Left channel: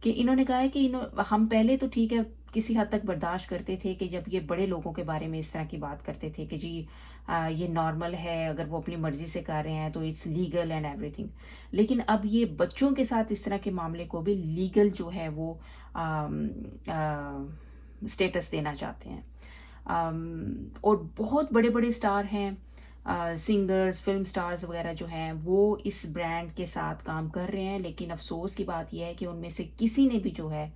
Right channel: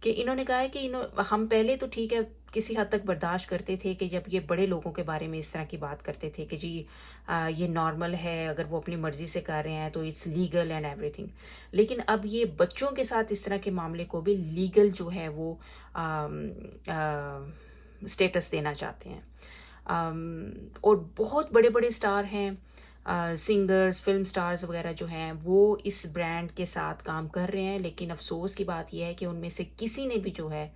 کہ انہوں نے کہا ہے کہ ہم پہلے تو ٹھیک ہے کسی حد تک برداشت کرتے تھے کہ جب یہ بڑے لوگوں کے بارے میں اس طرح کی بات کرتے تھے کہ جی یہ نارمل ہے، اگر وہ اپنی مرضی سے کر رہے ہیں تو اٹس لیگل اینڈ ایوری تھنگ. لیکن اب یہ بچوں کے ساتھ اس طرح کے معاملے کو بھی لیگل جو ہے وہ اسٹیٹس دینا چاہتے ہیں. اور بہت بڑے بڑے اسٹار ہیں، سنگرز، فلم سٹارز وغیرہ جو ہیں وہ اس برانڈ کے ساتھ کام کر رہے ہیں، لیکن افسوس کی بات یہ ہے کہ ان میں سے کسی نے بھی جو ہے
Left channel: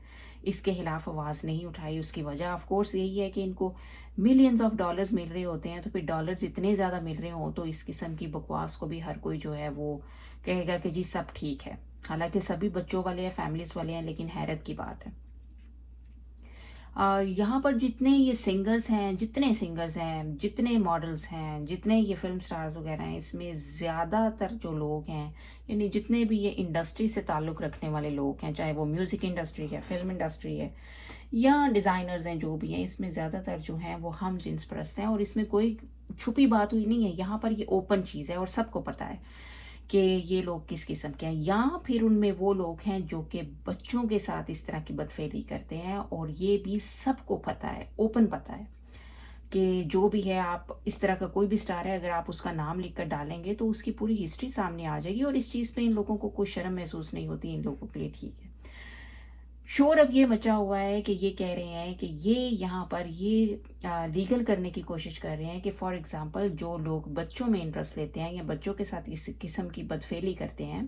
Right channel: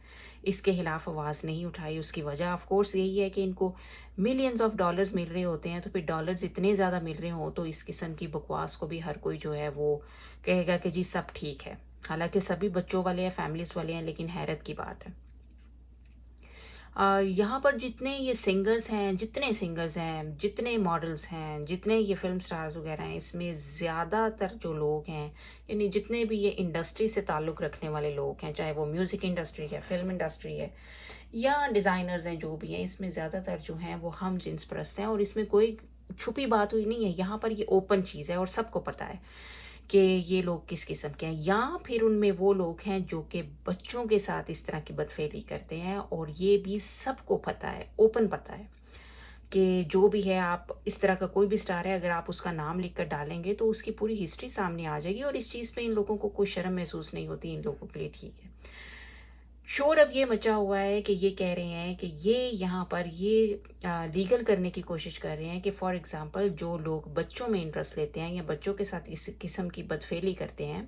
اس کے خلاف آواز نہیں اٹھائی. اس کی وجہ آف کورس یہی ہے کہ ان کو ملینز آف ڈالرز مل رہے ہوتے ہیں، تو پھر ڈالرز اتنے زیادہ مل رہے ہوں تو اس قسم کی بکواس کو بھی ہر کوئی جو ہے وہ کہے گا کہ جی سب ٹھیک ہے. حالانکہ سبھی بچوں والے ہیں، فیملیز والے ہیں، لیکن حیرت کی بات ہے یہاں پر جتنے یہ سنگرز ہیں، جتنے ماڈلز ہیں، جتنے یہ فلم سٹارز وغیرہ ہیں، اس میں زیادہ تر جو لوگ ہیں، یعنی جتنے بھی یہ انڈسٹری سے تعلق رکھنے والے لوگ ہیں، چاہے وہ میوزک انڈسٹری ہے، فلم انڈسٹری ہے یا ڈیزائنرز ہیں، جو بھی ہیں، اس میں زیادہ تر جو ہیں وہ ہم جنس پرست ہیں. اور اس میں کوئی چھپی بات ہوئی نہیں ہے، یہاں پر یہ اوپن چیز ہے اور سب کو پتہ ہے کہ یہ لوگ کس قسم کے ہیں. یا پھر ان میں وہ لوگ ہیں جو کہ بچوں کے ساتھ اس طرح کی بدفعلی کرتے ہیں، اور یہ بھی سب کو پتہ ہے، اوپن پتہ ہے کہ جو بھی ہے، آپ اس طرح کا کوئی بھی سٹار ہے، اگر آپ اس کا نام لکھ کر ڈالیں گے تو اس کی پوری ہسٹری سامنے آ جائے گی، اور اس چیز پہ ان لوگوں کو کوئی شرم محسوس نہیں ہوتی. ان لوگوں کے لیے ٹھیک ہے. شور اب یہ مچا ہوا ہے کہ یہ کہہ رہے ہیں کہ یہ یہاں پر یہ لیگل کرنے کی کوشش کر رہے ہیں کہ فار ایگزامپل جو لوگ بچوں میں انٹرسٹ لیتے ہیں یا بچوں کے ساتھ اس قسم کی بدفعلی کرتے ہیں،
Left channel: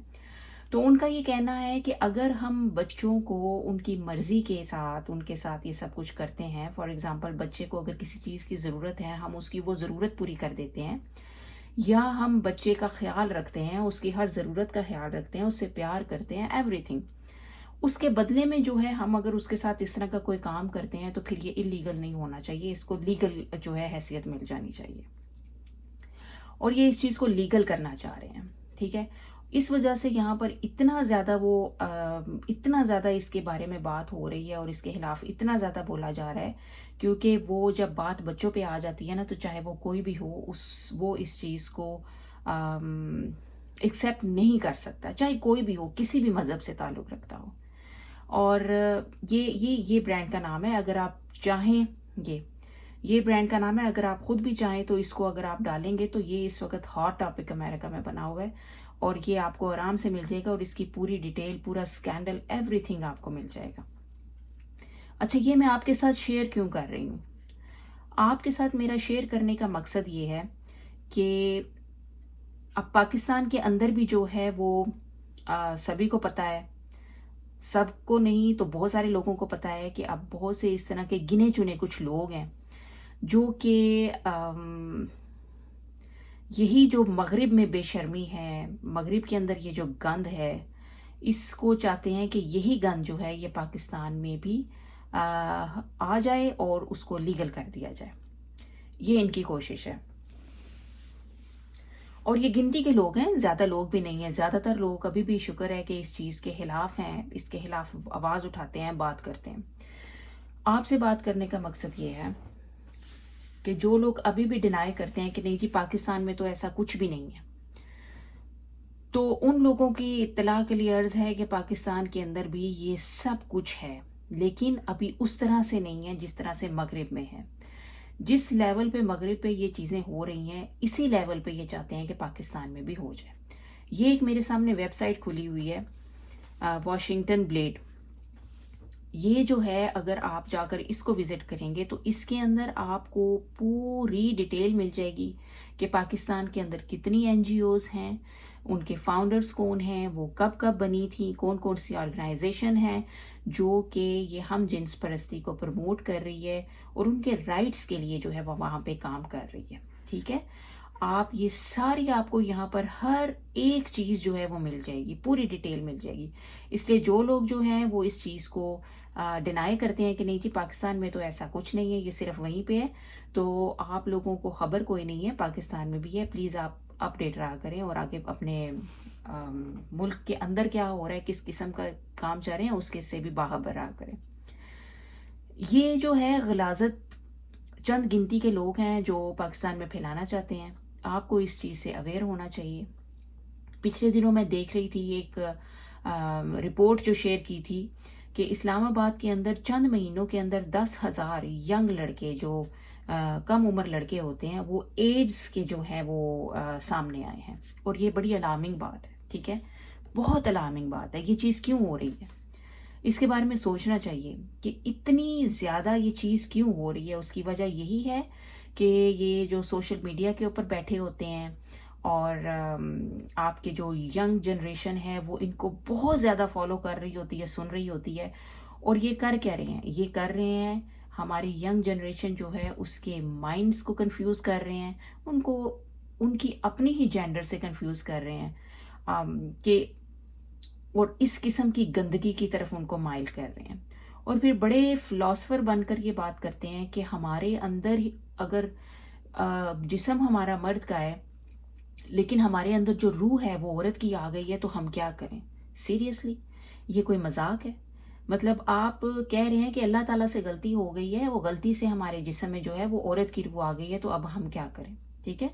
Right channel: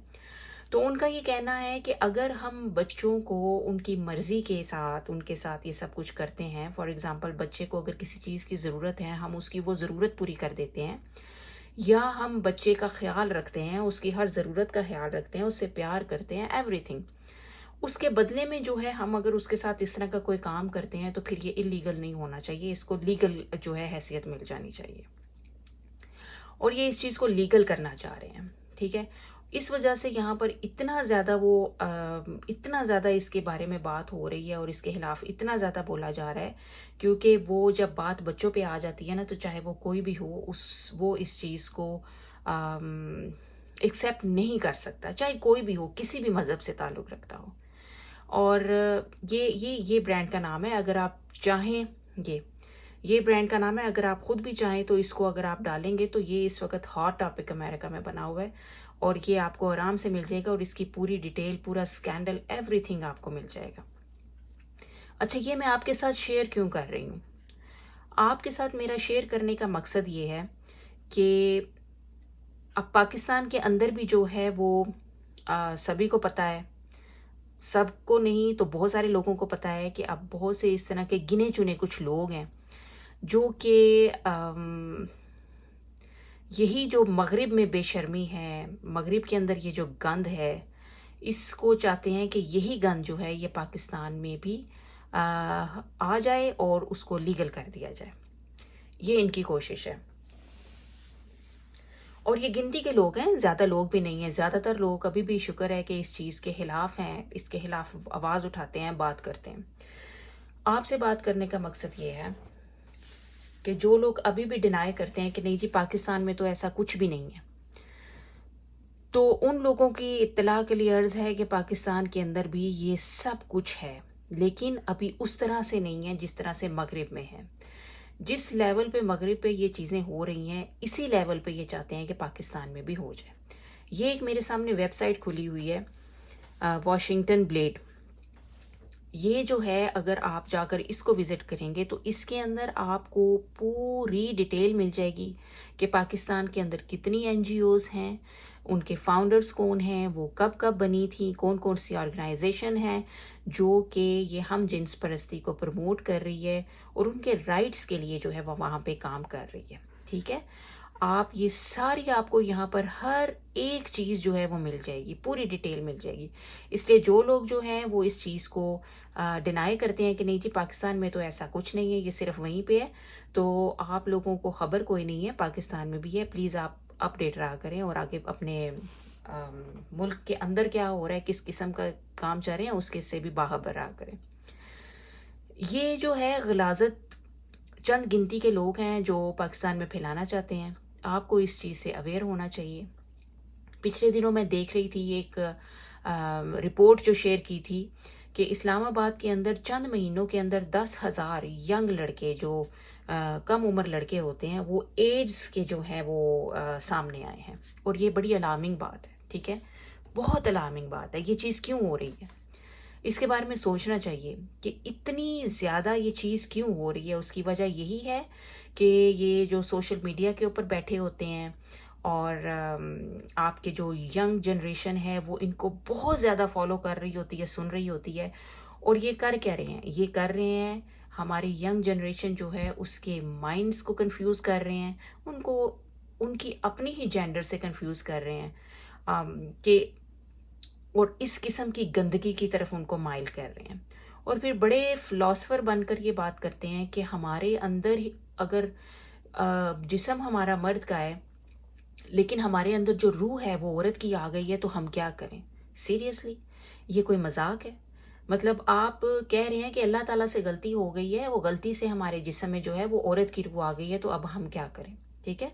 تو ان کا یہ کہنا ہے کہ اگر ہم بچوں کو ان کی مرضی کے ساتھ ان کے ساتھ یہ سب کچھ کرتے ہیں، فار ایگزامپل بچے کو اگر کسی چیز کی ضرورت ہے، ہم اس کی وہ ضرورت پوری کر دیتے ہیں، یا ہم بچے کا خیال رکھتے ہیں، اس کی ہر ضرورت کا خیال رکھتے ہیں، اس سے پیار کرتے ہیں، ایوری تھنگ، اس کے بدلے میں جو ہے ہم اگر اس کے ساتھ اس طرح کا کوئی کام کرتے ہیں تو پھر یہ انلیگل نہیں ہونا چاہیے، اس کو لیگل جو ہے حیثیت مل جانی چاہیے. اور یہ اس چیز کو لیگل کرنا چاہ رہے ہیں. ٹھیک ہے. اس وجہ سے یہاں پر اتنا زیادہ اس کے بارے میں بات ہو رہی ہے اور اس کے خلاف اتنا زیادہ بولا جا رہا ہے، کیونکہ وہ جب بات بچوں پہ آ جاتی ہے نا، تو چاہے وہ کوئی بھی ہو، وہ اس چیز کو ایکسیپٹ نہیں کر سکتا، چاہے کوئی بھی ہو، کسی بھی مذہب سے تعلق رکھتا ہو. اور یہ برانڈ کا نام ہے، اگر آپ چاہیں یہ برانڈ کا نام ہے، اگر آپ خود بھی چاہیں تو اس کو اگر آپ ڈالیں گے تو یہ اس وقت ہاٹ ٹاپک امریکہ میں بنا ہوا ہے، اور یہ آپ کو آرام سے مل جائے گا، اور اس کی پوری ڈیٹیل، پورا سکینڈل، ایوری تھنگ آپ کو مل جائے گا. اچھا، یہ میں آپ کے ساتھ شیئر کیوں کر رہی ہوں؟ آپ کے ساتھ میرا شیئر کرنے کا مقصد یہ ہے کہ اب پاکستان کے اندر بھی جو ہے وہ سبھی کو پتہ ہے، سب کو نہیں تو بہت سارے لوگوں کو پتہ ہے کہ اب بہت سے اس طرح کے گنے چنے کچھ لوگ ہیں جو کہ یہی جو مغرب میں بے شرمی ہے، مغرب کے اندر یہ جو گند ہے، اس کو چاہتے ہیں کہ یہی گند جو ہے یہ پاکستان میں بھی آ جائے اور اس کو لیگل کر دیا جائے. یہ ان کی کوشش ہے. اور یہ گنتی کے لوگ ہیں، زیادہ لوگ بھی نہیں ہیں. زیادہ تر لوگ ابھی بھی شکر ہے کہ اس چیز کے خلاف ہیں، اس کے خلاف آواز اٹھاتے ہیں، بات کرتے ہیں. آپ سے بات کرنے کا مقصد یہ ہے کہ جو لوگ ابھی بھی ڈینائی کرتے ہیں کہ نہیں جی پاکستان میں تو ایسا کچھ بھی نہیں ہے، تو ان لوگوں کی اطلاع کے لیے عرض ہے کہ پاکستان کے اندر بھی یہ سب کچھ ہے، لیکن ابھی اس طرح سے نہیں ہے جس طرح سے مغرب میں ہے. جس لیول پہ مغرب پہ یہ چیزیں ہو رہی ہیں، اسی لیول پہ یہ چاہتے ہیں کہ پاکستان میں بھی ہو جائے. یہ ایک میرے سامنے ویب سائٹ کھلی ہوئی ہے، واشنگٹن بلیڈ. یہ جو ہے اگر آپ جا کر اس کو وزٹ کریں گے تو اس کے اندر آپ کو پوری ڈیٹیل مل جائے گی کہ پاکستان کے اندر کتنی این جی اوز ہیں، ان کے فاؤنڈرز کون ہیں، وہ کب کب بنی تھی، کون کون سی آرگنائزیشن ہیں جو کہ یہ ہم جنس پرستی کو پروموٹ کر رہی ہے اور ان کے رائٹس کے لیے جو ہے وہ وہاں پہ کام کر رہی ہے. ٹھیک ہے. آپ یہ ساری آپ کو یہاں پر ہر ایک چیز جو ہے وہ مل جائے گی، پوری ڈیٹیل مل جائے گی. اس لیے جو لوگ جو ہیں وہ اس چیز کو ڈینائی کرتے ہیں کہ نہیں جی پاکستان میں تو ایسا کچھ نہیں ہے، یہ صرف وہیں پہ ہے، تو آپ لوگوں کو خبر کوئی نہیں ہے، پاکستان میں بھی ہے. پلیز آپ اپڈیٹ رہا کریں اور آگے اپنے ملک کے اندر کیا ہو رہا ہے، کس قسم کا کام چل رہے ہیں، اس کے سے بھی باخبر رہا کریں. یہ جو ہے غلاظت چند گنتی کے لوگ ہیں جو پاکستان میں پھیلانا چاہتے ہیں. آپ کو اس چیز سے اویئر ہونا چاہیے. پچھلے دنوں میں دیکھ رہی تھی ایک رپورٹ جو شیئر کی تھی کہ اسلام آباد کے اندر چند مہینوں کے اندر 10,000 ینگ لڑکے جو کم عمر لڑکے ہوتے ہیں وہ ایڈز کے جو ہیں وہ سامنے آئے ہیں، اور یہ بڑی الارمنگ بات ہے، ٹھیک ہے، بہت الارمنگ بات ہے. یہ چیز کیوں ہو رہی ہے، اس کے بارے میں سوچنا چاہیے کہ اتنی زیادہ یہ چیز کیوں ہو رہی ہے. اس کی وجہ یہی ہے کہ یہ جو سوشل میڈیا کے اوپر بیٹھے ہوتے ہیں اور آپ کے جو ینگ جنریشن ہے وہ ان کو بہت زیادہ فالو کر رہی ہوتی ہے، سن رہی ہوتی ہے. اور یہ کر کیا رہے ہیں، یہ کر رہے ہیں ہماری ینگ جنریشن جو ہے اس کے مائنڈس کو کنفیوز کر رہے ہیں، ان کو ان کی اپنی ہی جینڈر سے کنفیوز کر رہے ہیں کہ اور اس قسم کی گندگی کی طرف ان کو مائل کر رہے ہیں. اور پھر بڑے فلاسفر بن کر یہ بات کرتے ہیں کہ ہمارے اندر اگر جسم ہمارا مرد کا ہے لیکن ہمارے اندر جو روح ہے وہ عورت کی آ گئی ہے، تو ہم کیا کریں؟ سیریسلی یہ کوئی مذاق ہے؟ مطلب آپ کہہ رہے ہیں کہ اللہ تعالیٰ سے غلطی ہو گئی ہے، وہ غلطی سے ہمارے جسم میں جو ہے وہ عورت کی روح آ گئی ہے، تو اب ہم کیا کریں؟ ٹھیک ہے،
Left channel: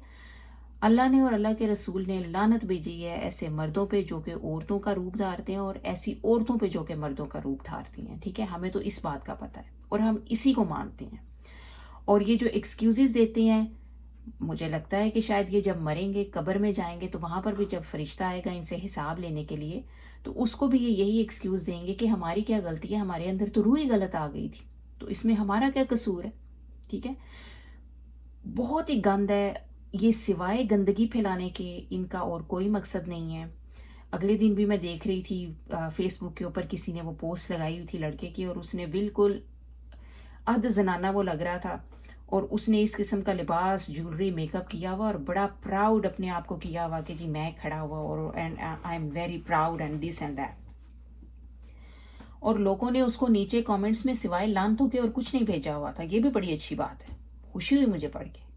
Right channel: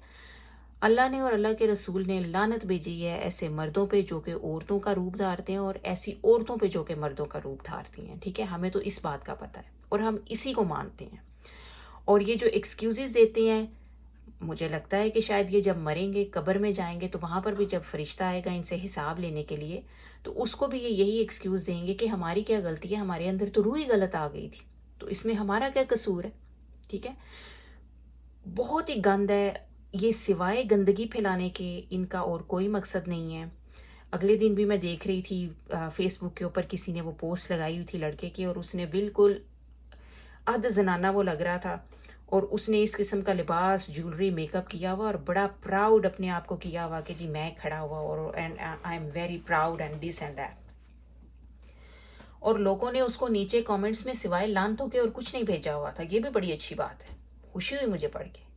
اللہ نے اور اللہ کے رسول نے لعنت بھیجی ہے ایسے مردوں پہ جو کہ عورتوں کا روپ دھارتے ہیں، اور ایسی عورتوں پہ جو کہ مردوں کا روپ دھارتی ہیں. ٹھیک ہے، ہمیں تو اس بات کا پتہ ہے اور ہم اسی کو مانتے ہیں. اور یہ جو ایکسکیوزز دیتے ہیں، مجھے لگتا ہے کہ شاید یہ جب مریں گے، قبر میں جائیں گے، تو وہاں پر بھی جب فرشتہ آئے گا ان سے حساب لینے کے لیے، تو اس کو بھی یہ یہی ایکسکیوز دیں گے کہ ہماری کیا غلطی ہے، ہمارے اندر تو روح ہی غلط آ گئی تھی، تو اس میں ہمارا کیا قصور ہے. ٹھیک ہے، بہت ہی گند ہے یہ، سوائے گندگی پھیلانے کے ان کا اور کوئی مقصد نہیں ہے. اگلے دن بھی میں دیکھ رہی تھی فیس بک کے اوپر کسی نے وہ پوسٹ لگائی ہوئی تھی لڑکے کی، اور اس نے بالکل اد زنانہ وہ لگ رہا تھا، اور اس نے اس قسم کا لباس، جولری، میک اپ کیا ہوا اور بڑا پراؤڈ اپنے آپ کو کیا ہوا کہ جی میں کھڑا ہوا اور I am very proud and this and that. اور لوگوں نے اس کو نیچے کامنٹس میں سوائے لانتوں کے اور کچھ نہیں بھیجا ہوا تھا. یہ بھی بڑی اچھی بات ہے، خوشی ہوئی مجھے پڑھ کے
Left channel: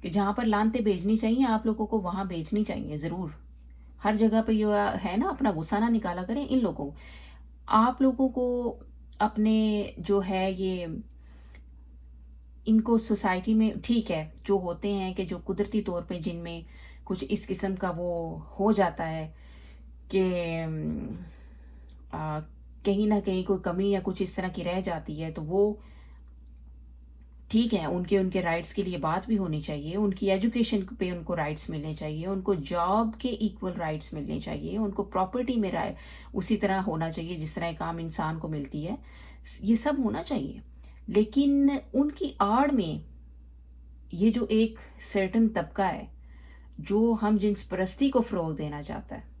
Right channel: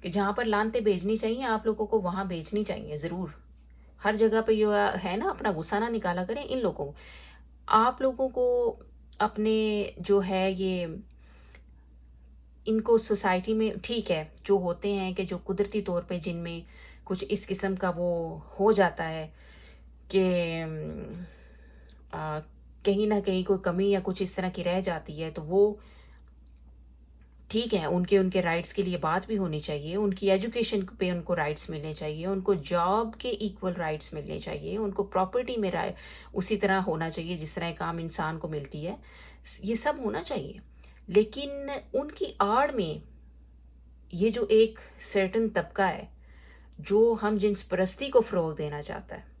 کہ جہاں پر لانتے بھیجنی چاہیے آپ لوگوں کو وہاں بھیجنی چاہیے ضرور. ہر جگہ پہ یہ ہے نا، اپنا غصہ نہ نکالا کریں ان لوگوں. آپ لوگوں کو اپنے جو ہے یہ ان کو سوسائٹی میں، ٹھیک ہے، جو ہوتے ہیں کہ جو قدرتی طور پہ جن میں کچھ اس قسم کا وہ ہو جاتا ہے کہ کہیں نہ کہیں کوئی کمی یا کچھ اس طرح کی رہ جاتی ہے، تو وہ ٹھیک ہے، ان کے رائٹس کے لیے بات بھی ہونی چاہیے، ان کی ایجوکیشن پہ ان کو رائٹس ملنے چاہیے، ان کو جاب کے ایکول رائٹس ملنے چاہیے، ان کو پراپرٹی میں اسی طرح ہونا چاہیے جس طرح ایک عام انسان کو ملتی ہے. یہ سب ہونا چاہیے، لیکن ان کی آڑ میں یہ جو ایک سرٹن طبقہ ہے جو ہم جنس پرستی کو فروغ دینا چاہتا ہے،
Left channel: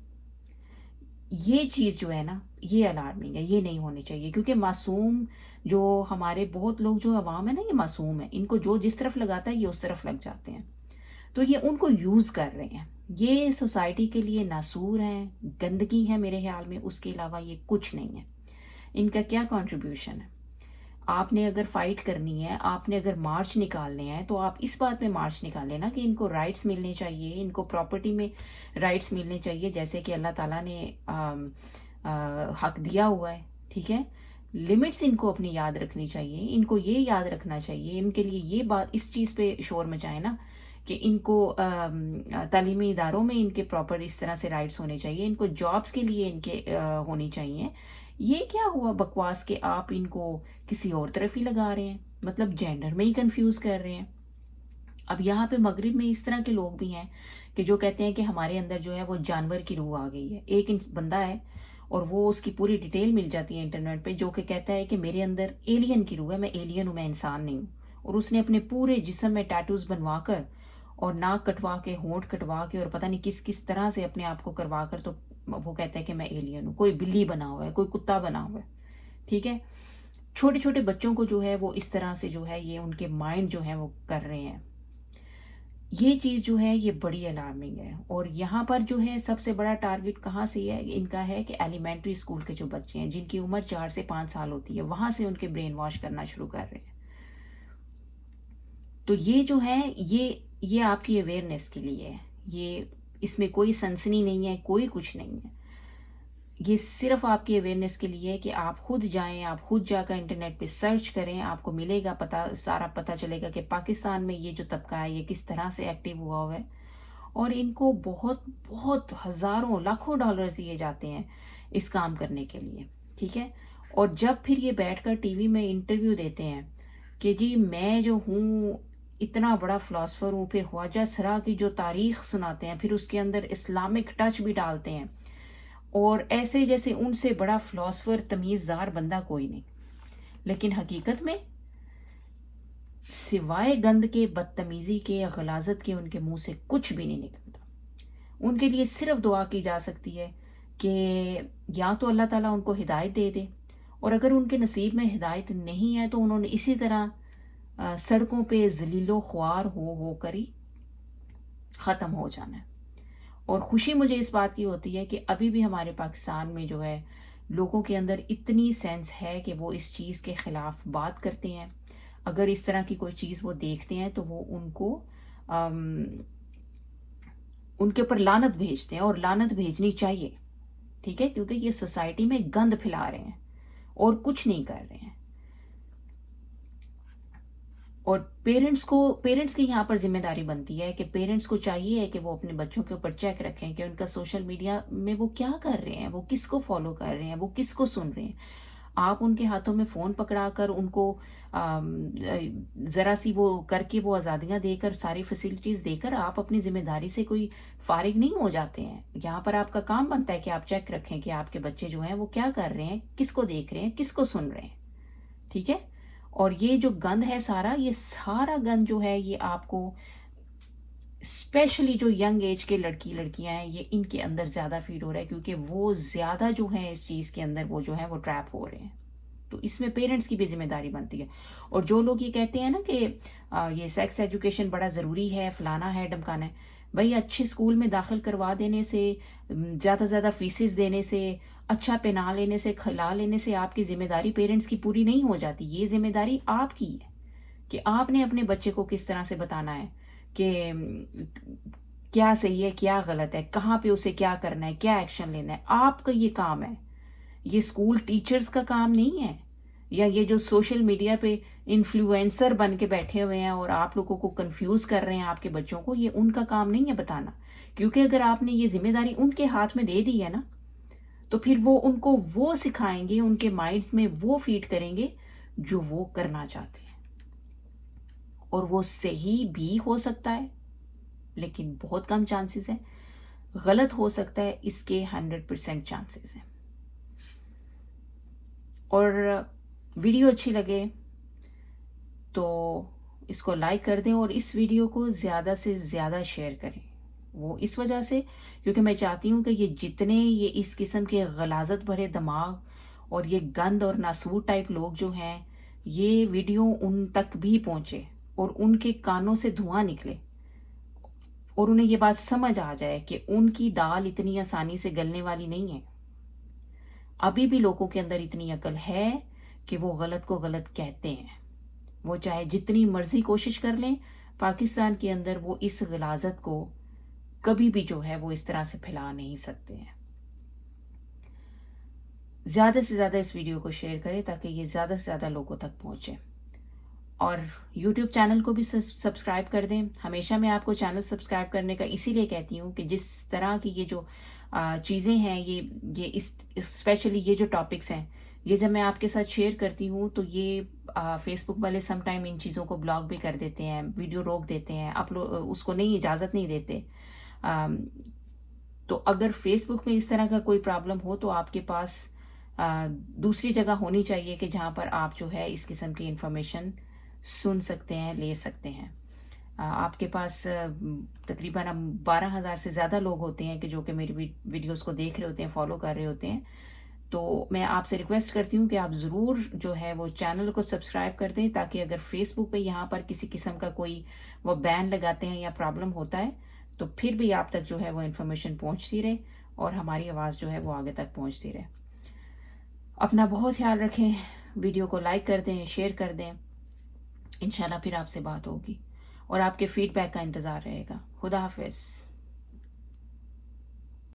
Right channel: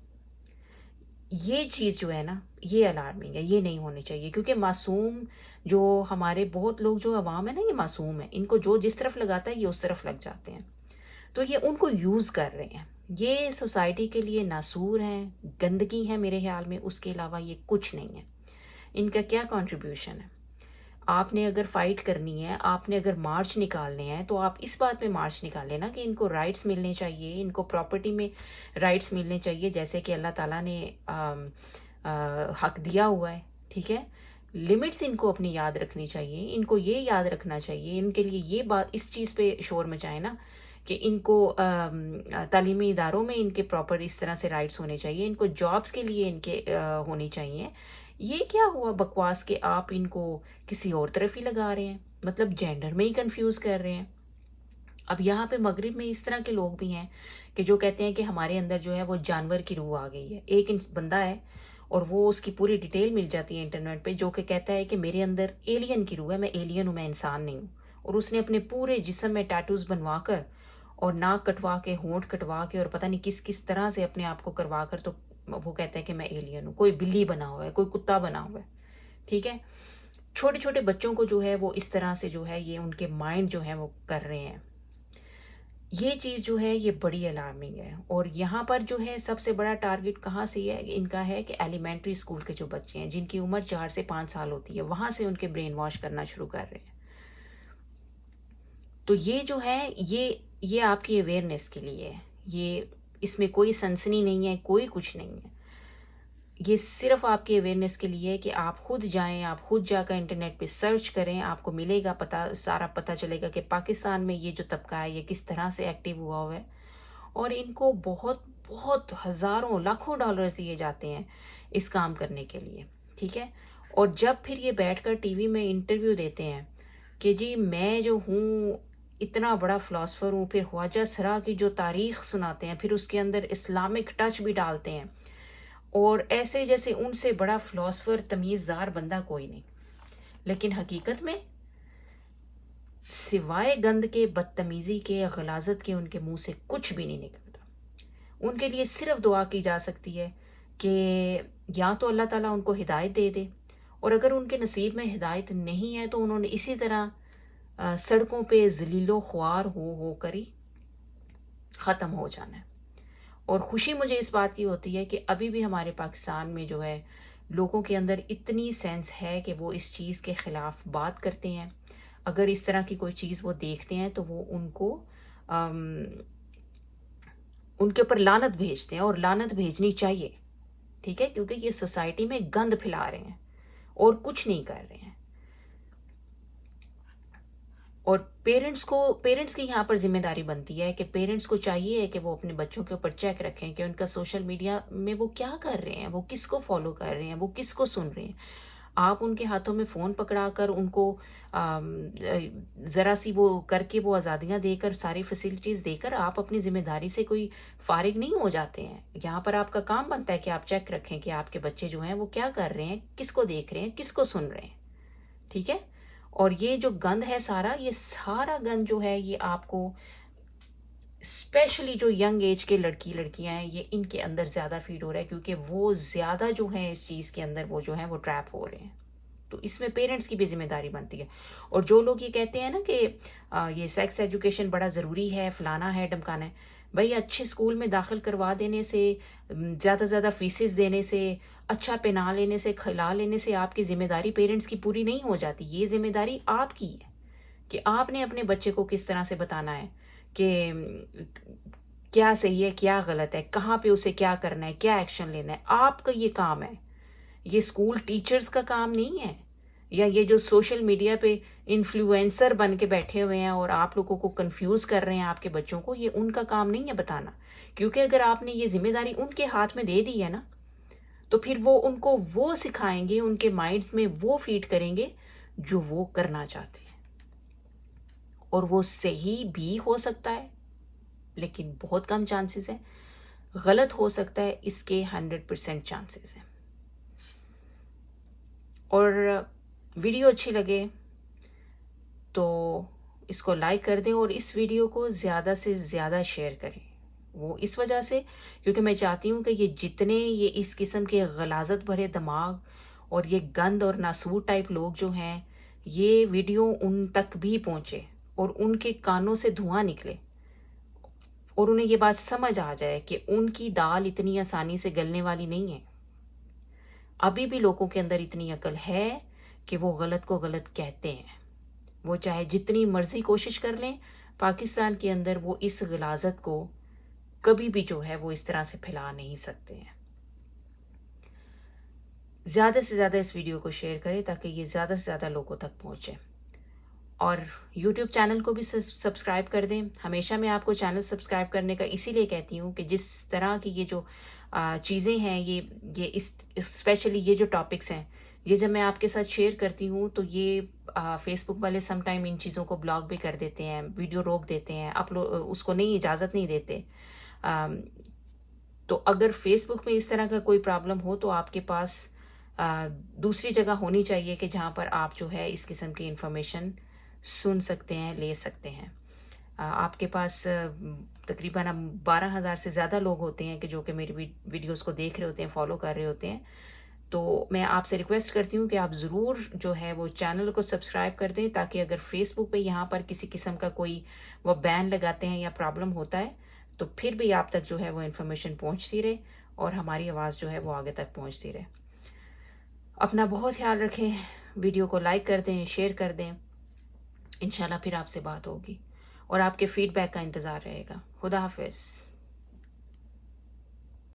یہ چیز جو ہے نا یہ الارمنگ ہے، یہ نہیں ہونی چاہیے. کیونکہ معصوم جو ہمارے بہت لوگ جو عوام ہے نا، یہ معصوم ہے، ان کو جو جس طرف لگاتا ہے یہ اس طرف لگ جاتے ہیں، تو یہ ان کو یوز کر رہے ہیں. یہ سوسائٹی کے لیے ناسور ہیں، گندگی ہے میرے خیال میں، اس کے علاوہ یہ کچھ نہیں ہے. ان کا کیا کنٹریبیوشن ہے؟ آپ نے اگر فائٹ کرنی ہے، آپ نے اگر مارچ نکالنے ہیں، تو آپ اس بات میں مارچ نکالیں نا کہ ان کو رائٹس ملنے چاہیے، ان کو پراپرٹی میں رائٹس ملنے چاہیے جیسے کہ اللہ تعالیٰ نے حق دیا ہوا ہے. ٹھیک ہے، لمٹس ان کو اپنی یاد رکھنی چاہیے، ان کو یہ یاد رکھنا چاہیے، ان کے لیے یہ بات اس چیز پہ شور مچائے نا کہ ان کو تعلیمی اداروں میں ان کے پراپر اس طرح سے رائٹس ہونے چاہیے، ان کو جابس کے لیے ان کے ہونی چاہیے. یہ کیا ہوا بکواس کہ آپ ان کو کسی اور طرف ہی لگا رہے ہیں، مطلب جینڈر میں ہی کنفیوز کر رہے ہیں. اب یہاں پہ مغرب میں اس طرح کے لوگ بھی ہیں کہ جو کہتے ہیں کہ ہمارے اندر جو ہے وہ جانور کی روح آ گئی ہے. ایک بندہ ہے اور وہ اس کی پوری ڈیٹیل مل جاتی ہے انٹرنیٹ پہ، جو کہ کہتا ہے کہ میرے اندر ایلین کی روح ہے، میں ایلین ہوں، میں انسان نہیں ہوں. اور اس نے اپنے پورے جسم میں ٹیٹوز بنوا کر اور ناک کٹوا کے، ہونٹ کٹوا کے، اور پتہ نہیں کس کس طرح سے اپنے آپ کو کروا کر، تو وہ کہتا ہے کہ میں ایلین ہوں. کوئی بلی بنا ہوا ہے، کوئی کتا بنا ہوا ہے. ٹھیک ہے، چھوٹے چھوٹے بچوں کو جو ہے وہ اس طرح سے جو ہے یہ ان کے مائنڈ جو ہے وہ کر رہے ہیں. یہ چیز جو ہے یہ بڑی الارمنگ ہے. اور یہاں پر جو ہے سب سے بڑا ٹارگٹ کہاں سے ہے ان کا، ہے کہ ایلیمنٹری اسکول کے جو بچے ہیں جن کی عمر 4 سے 5 سال ہوتی ہے، وہاں سے ان کے برین واش کرنا شروع کر رہے ہیں. تو یہ جو ہے یہ آپ کی اویئرنیس کے لیے ہے، یہ اس میں کوئی سنسنی نہیں ہے، کوئی کچھ نہیں ہے. یہ صرف آپ کی اویئرنیس کے لیے ہے کہ آپ خود جائیں، آپ خود جا کر انٹرنیٹ پہ سرچ کریں، آپ کو ملے گا سارا پتہ چلے گا کہ پاکستان میں یہ جو طبقہ ہے یہ کس طرح سے ایکٹیو ہوا ہوا ہے. اور ان کو بہت بہت ہزاروں لاکھوں ڈالرز دیے جاتے ہیں اس کام کرنے کے لیے. ٹھیک ہے، اور جب پھر یہ بیٹھ کر ٹی وی میں انٹرویو دیتے ہیں کہ جی میں جو ہوں اتنا بڑا فلاسفر ہوں، پھر خواجہ سرا کی جو تاریخ سناتے ہیں، پھر اس کے اندر اسلامک ٹچ بھی ڈالتے ہیں، اور ایسے جیسے ان سے بڑا فلاسفر تمیزدار بندہ کوئی نہیں. لیکن حقیقت میں سوائے گند کے، بدتمیزی کے، غلاظت کے ان کے منہ سے کچھ بھی نہیں نکلتا. ان کے لیے صرف دعا کی جا سکتی ہے کہ یا تو اللہ تعالیٰ ان کو ہدایت دے دے، اور اگر ان کے نصیب میں ہدایت نہیں ہے تو انہوں نے اسی طرح سڑکوں پہ ذلیل و خوار ہو کر ہی ختم ہو جانا ہے. اور خوشی مجھے اس بات کی ہوتی ہے کہ ابھی بھی ہمارے پاکستان میں جو ہے لوگوں کے اندر اتنی سینس ہے کہ وہ اس چیز کے خلاف بات کرتے ہیں. اگر اس طرح کی کوئی چیز وہ دیکھتے ہیں تو وہ ان کے اوپر لعنت بھیجتے ہیں، اور لعنت بھیجنی چاہیے، ٹھیک ہے، کیونکہ یہ سوسائٹی میں گند پھیلا رہے ہیں اور کچھ نہیں کر رہے ہیں. اور پیرنٹس کی یہاں پر ذمہ داری بنتی ہے کہ پیرنٹس کو چاہیے کہ وہ اپنے بچوں کے اوپر چیک رکھیں کہ ان کا سوشل میڈیا میں وہ کیا کر رہے ہیں، وہ کس کو فالو کر رہے ہیں، وہ کس کو سن رہے ہیں. آپ ان کے ہاتھوں میں فون پکڑا کر ان کو ذرا سی وہ کر کے وہ آزادیاں دے کر، ساری فیسلٹیز دے کر آپ اپنی ذمہ داری سے کوئی فارغ نہیں ہو جاتے ہیں. یہاں پر آپ کا کام بنتا ہے کہ آپ چیک رکھیں کہ آپ کے بچے جو ہیں وہ کیا کر رہے ہیں، کس کو دیکھ رہے ہیں، کس کو سن رہے ہیں، ٹھیک ہے. اور یہ جو گند ہے یہ سارا گند جو ہے یہ آپ کو اسپیشلی جو ینگ ایج کے لڑکیاں ہیں یہ ان کے اندر زیادہ فیڈ ہو رہا ہے، کیونکہ وہ زیادہ جو ہیں اس چیز کے اندر وہ جو ہے وہ ٹریپ ہو رہے ہیں. تو اس میں پیرنٹس کی بھی ذمہ داری بنتی ہے. اور جو لوگ یہ کہتے ہیں نا کہ یہ سیکس ایجوکیشن بڑا ضروری ہے، فلانا ہے، ڈمکانا ہے، بھائی اچھے اسکول میں داخل کروا دینے سے، زیادہ فیسز دینے سے، اچھا پہنا لینے سے، کھلا لینے سے آپ کی ذمہ داری پیرنٹس کی پوری نہیں ہو جاتی. یہ ذمہ داری آپ کی ہے کہ آپ نے اپنے بچے کو کس طرح سے بتانا ہے کہ کیا صحیح ہے، کیا غلط ہے، کہاں پہ اسے کیا کرنا ہے، کیا ایکشن لینا ہے. آپ کا یہ کام ہے، یہ اسکول ٹیچرز کا کام نہیں ہے، یا یہ جو سوشل میڈیا پہ انفلوئنسر بن کے بیٹھے ہوئے ہیں اور آپ لوگوں کو کنفیوز کر رہے ہیں آپ کے بچوں کو، یہ ان کا کام نہیں ہے بتانا. کیونکہ اگر آپ نے یہ ذمہ داری ان کے ہاتھ میں دے دی ہے نا تو پھر وہ ان کو وہ سکھائیں گے، ان کے مائنڈز میں وہ فیڈ کریں گے جو وہ کرنا چاہتے ہیں. اور وہ صحیح بھی ہو سکتا ہے لیکن بہت کم چانسز ہے، غلط ہو سکتا ہے اس کے 100% چانسز ہیں. اور ویڈیو اچھی لگے تو اس کو لائک کر دیں، اور اس ویڈیو کو زیادہ سے زیادہ شیئر کریں. وہ اس وجہ سے کیونکہ میں چاہتی ہوں کہ یہ جتنے یہ اس قسم کے غلاظت بھرے دماغ اور یہ گند اور ناسور ٹائپ لوگ جو ہیں، یہ ویڈیو ان تک بھی پہنچے اور ان کے کانوں سے دھواں نکلے اور انہیں یہ بات سمجھ آ جائے کہ ان کی دال اتنی آسانی سے گلنے والی نہیں ہے. ابھی بھی لوگوں کے اندر اتنی عقل ہے کہ وہ غلط کو غلط کہتے ہیں. وہ چاہے جتنی مرضی کوشش کر لیں، پاکستان کے اندر وہ اس غلاظت کو کبھی بھی جو ہے وہ اس طرح سے پھیلا نہیں سکتے ہیں. زیادہ سے زیادہ اس ویڈیو کو شیئر کریں تاکہ یہ زیادہ سے زیادہ لوگوں تک پہنچے. اور یوٹیوب چینل کو بھی سبسکرائب کر دیں. ہمیشہ میں آپ کو چینل سبسکرائب کرنے کا اسی لیے کہتی ہوں کہ جس طرح کی یہ جو چیزیں ہیں، یہ اسپیشلی یہ جو ٹاپکس ہیں، یہ جب میں آپ کے ساتھ شیئر کرتی ہوں تو یہ فیس بک والے سم ٹائم ان چیزوں کو بلاک بھی کر دیتے ہیں، ویڈیو روک دیتے ہیں، اس کو نہیں اجازت نہیں دیتے. تو اگر فیس بک میں اس طرح کا کوئی پرابلم ہو تو آپ کے پاس دوسری جگہ ہونی چاہیے کہ جہاں پر آپ جو ہے اس قسم کی انفارمیشن سن سکتے ہیں، لے سکتے ہیں. آپ کے پاس تقریباً 12,000 سے زیادہ لوگ ہوتے ہیں کہ جو کہ میری ویڈیوز کو دیکھ رہے ہوتے ہیں، فالو کر رہے ہوتے ہیں. تو میں آپ سے ریکویسٹ کرتی ہوں کہ آپ ضرور جو ہے وہ چینل کو سبسکرائب کر دیں تاکہ اگر فیس بک پہ یہاں پر کسی قسم کا کوئی وہ بین لگاتے ہیں یا پرابلم ہوتا ہے تو پھر بھی آپ تک جو ہے وہ انفارمیشن پہنچتی رہے اور ہماری آواز جو ہے وہ آگے تک پہنچتی رہے. اپنا بہت خیال رکھیں، ویڈیو کو لائک کر دیں، شیئر کر دیں. انشاءاللہ پھر آپ سے بات ہوگی اور آپ کے فیڈ بیک کا انتظار رہے گا. خدا حافظ.